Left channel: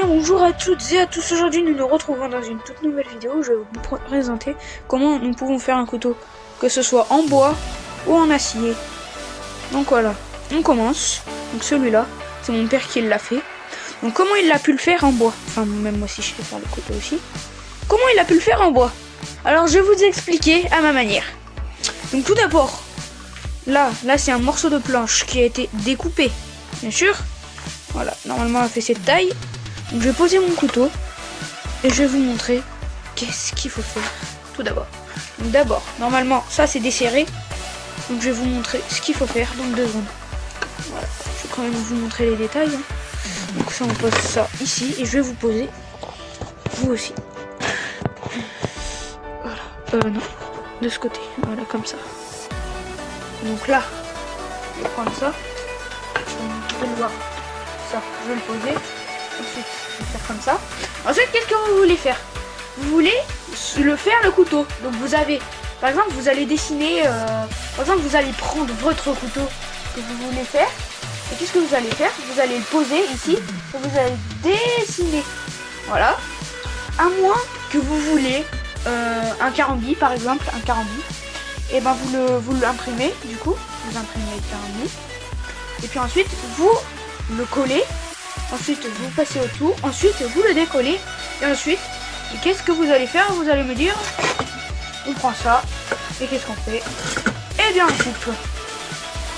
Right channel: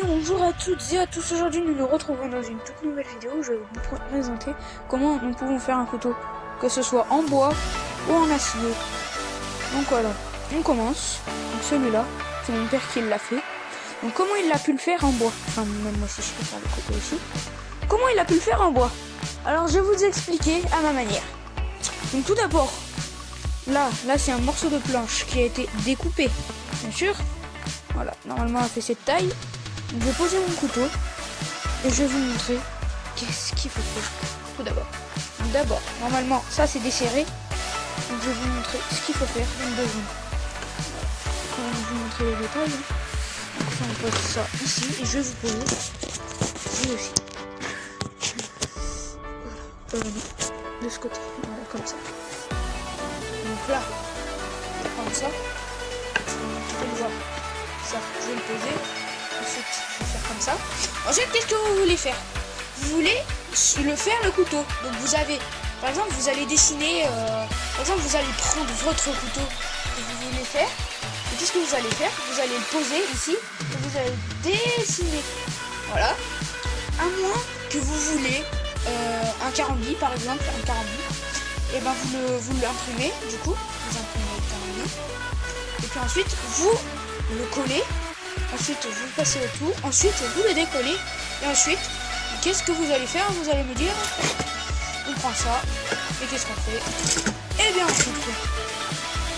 bien bonjour à toutes et à tous, aujourd'hui nous nous retrouvons dans une toute nouvelle vidéo où je vais vous présenter comment nous pouvons faire un couteau, que ce soit en bois ou en acier. Donc voilà, on commence. Donc celui-là, c'est mon père qui l'a fait. Donc comment il a pu le faire en bois? Enfin même moi aussi je sais faire le couteau aussi. Comment il a pu le faire en bois? Alors je vais vous expliquer à ma manière. Donc tout d'abord, là c'est un morceau de planche qui a été découpé, bien sûr. Voilà, normalement on fait cette taille. Donc je vais poser mon couteau et je vais vous montrer qu'est-ce qu'il faut faire tout d'abord. Donc d'abord, normalement ça c'est desserré. Donc je vais vous montrer ce qu'il faut faire dans 2 secondes. Voilà, je vais quand même vous montrer les détails. Donc ça on pose ça ici et je vais vous poser vous aussi. Voilà, non, de ce côté, voilà comme ça. Donc là, je vais prendre ça. Vous pouvez le voir. Ça, je vais le poser. Ensuite, je vais faire comme ça. Ensuite, qu'est-ce que vous voulez faire? Vous voulez le faire le couteau. Donc vous avez, par exemple, vous allez dessiner, par exemple, vous allez prendre votre couteau que vous voulez faire. Et qu'est-ce que vous allez faire? Vous allez le poser ici et vous allez dessiner. Voilà. À moins que vous voulez un carambi, par exemple, un carambi. Et ben vous l'imprimez, du coup, vous imprimez le carambi. Et puis ensuite, vous le collez. Ensuite, vous passez autour. Ensuite, vous le décollez. Et ensuite, qu'est-ce que vous allez faire? Vous allez me dire, on prend ça. Et qu'est-ce qu'on fait? Eh bien, on coupe.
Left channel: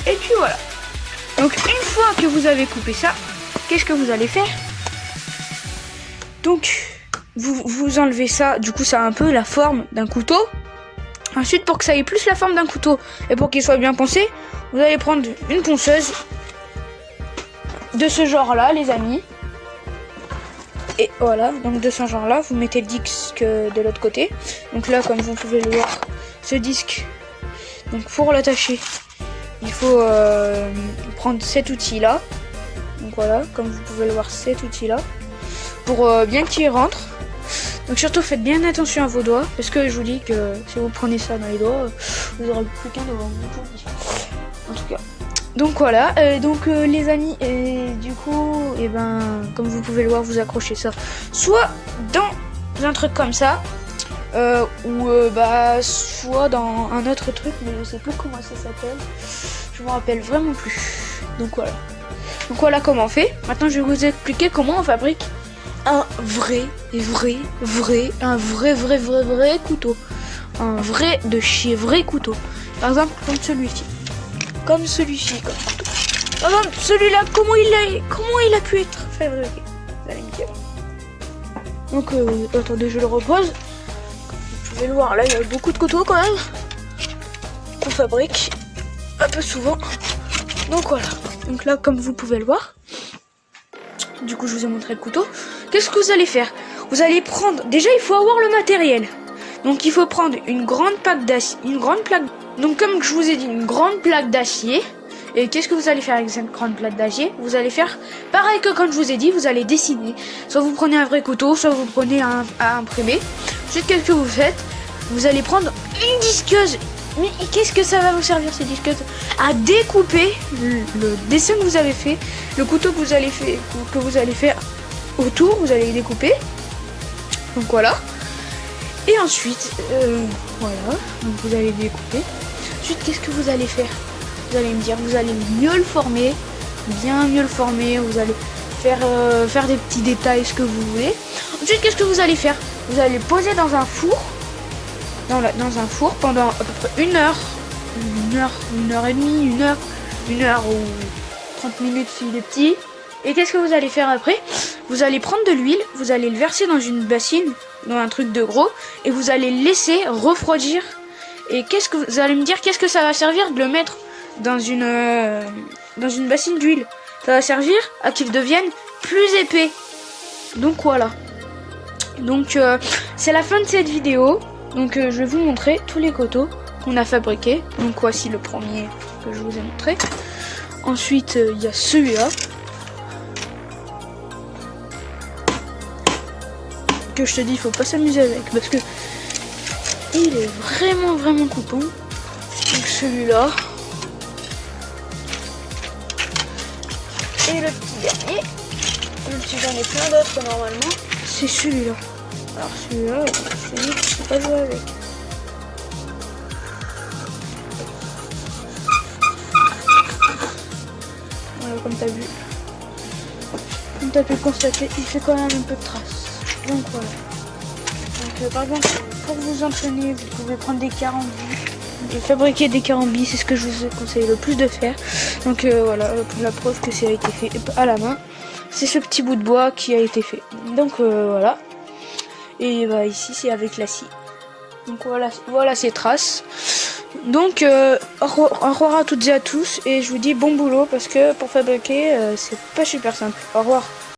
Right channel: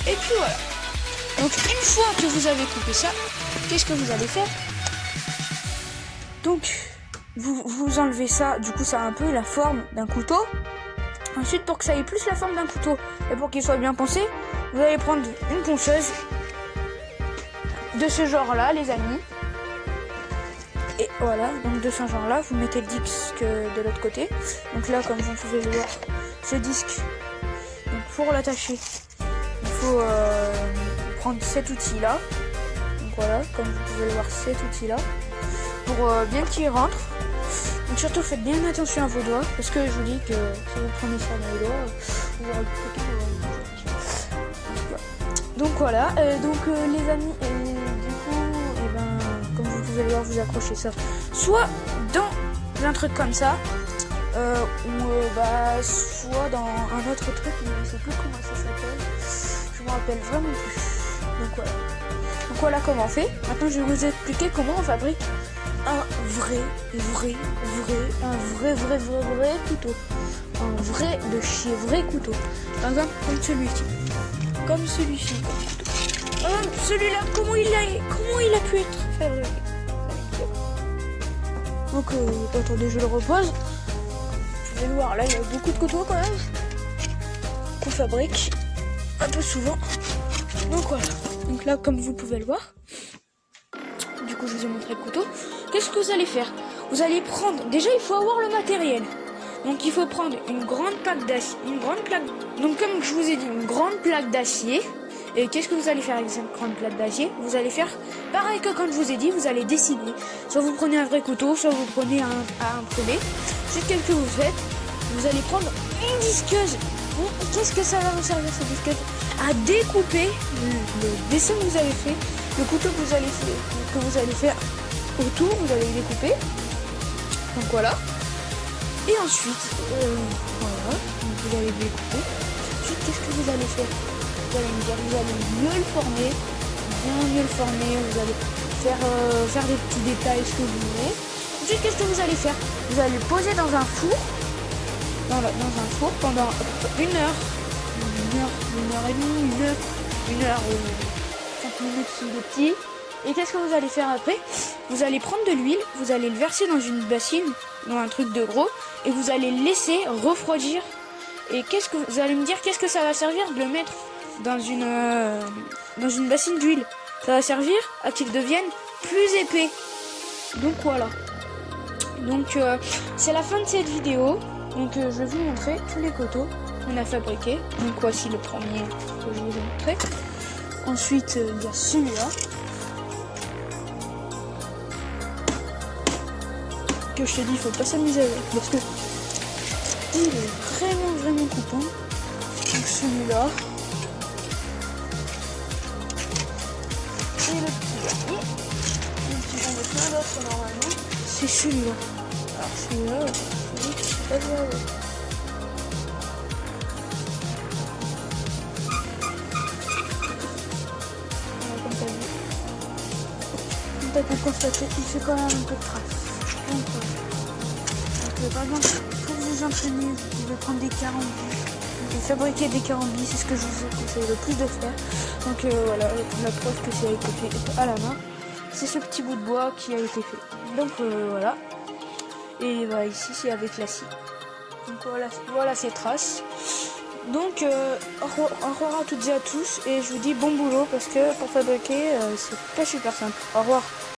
Et puis voilà. Donc, une fois que vous avez coupé ça, qu'est-ce que vous allez faire? Donc, vous enlevez ça. Du coup, ça a un peu la forme d'un couteau. Ensuite, pour que ça ait plus la forme d'un couteau et pour qu'il soit bien poncé, vous allez prendre une ponceuse de ce genre là, les amis. Et voilà, donc de ce genre là, vous mettez le disque de l'autre côté. Donc là, comme vous pouvez le voir, ce disque, donc pour l'attacher, il faut prendre cet outil là. Donc voilà, comme vous pouvez le voir, cet outil là, pour bien qu'il rentre. Donc surtout faites bien attention à vos doigts, parce que je vous dis que si vous prenez ça dans les doigts, vous aurez plus qu'un devant vous. En tout cas. Donc voilà, les amis, et du coup, et ben, comme vous pouvez le voir, vous accrochez ça soit dans un truc comme ça, ou soit dans un autre truc, mais je sais plus comment ça s'appelle. Je me rappelle vraiment plus. Donc voilà comment on fait. Maintenant, je vais vous expliquer comment on fabrique un vrai couteau. Un vrai de chez vrai couteau. Par exemple, comme celui-ci. Par exemple, celui-là, comment il a pu être fabriqué? Donc, attendez, je le repose. Vous pouvez le voir, là, il y a beaucoup de couteaux quand même. Qu'on fabrique un peu souvent. Donc voilà. Donc là, comme vous pouvez le voir. Du coup, je vous ai montré le couteau. Qu'est-ce que vous allez faire? Vous allez prendre... Déjà, il faut avoir le matériel. Donc, il faut prendre une grande plaque d'acier. Donc, comme je vous ai dit, une grande plaque d'acier. Et qu'est-ce que vous allez faire avec cette grande plaque d'acier? Vous allez faire pareil que quand je vous ai dit, vous allez dessiner. Soit vous prenez un vrai couteau, soit vous prenez un à imprimer. Ensuite, qu'est-ce que vous faites? Vous allez prendre une disqueuse. Mais qu'est-ce que ça va vous servir, ces disqueuses? À découper le dessin que vous avez fait, le couteau que vous allez faire autour, vous allez découper. Donc voilà. Et ensuite, voilà, donc vous allez découper. Ensuite, qu'est-ce que vous allez faire? Vous allez me dire, vous allez mieux le former, bien mieux le former. Vous allez faire des petits détails, ce que vous voulez. Ensuite, qu'est-ce que vous allez faire? Vous allez le poser dans un four, dans un four pendant à peu près une heure et demie, une heure ou 30 minutes s'il est petit. Et qu'est-ce que vous allez faire après? Vous allez prendre de l'huile, vous allez le verser dans une bassine, dans un truc de gros, et vous allez le laisser refroidir. Et qu'est-ce que vous allez me dire? Qu'est-ce que ça va servir de le mettre dans une bassine d'huile? Ça va servir à qu'il devienne plus épais. Donc voilà. Donc c'est la fin de cette vidéo. Donc je vais vous montrer tous les couteaux qu'on a fabriqués. Donc voici le premier que je vous ai montré. Ensuite il y a celui-là. Que je te dis, il faut pas s'amuser avec parce que il est vraiment coupant. Donc celui-là. Et le petit dernier. même si j'en ai plein d'autres normalement, c'est celui-là. Alors celui-là, je ne sais pas jouer avec. Voilà, comme tu as vu. Comme tu as pu le constater, il fait quand même un peu de traces. Donc voilà. Donc, par exemple, pour vous entraîner, vous pouvez prendre des carambis. Fabriquer des carambis, c'est ce que je vous conseille le plus de faire. Donc voilà, la preuve que ça a été fait à la main. C'est ce petit bout de bois qui a été fait. Donc voilà. Et voilà, ici c'est avec la scie. Donc voilà ces traces. Donc au revoir à toutes et à tous. Et je vous dis bon boulot parce que pour fabriquer, c'est pas super simple. Au revoir.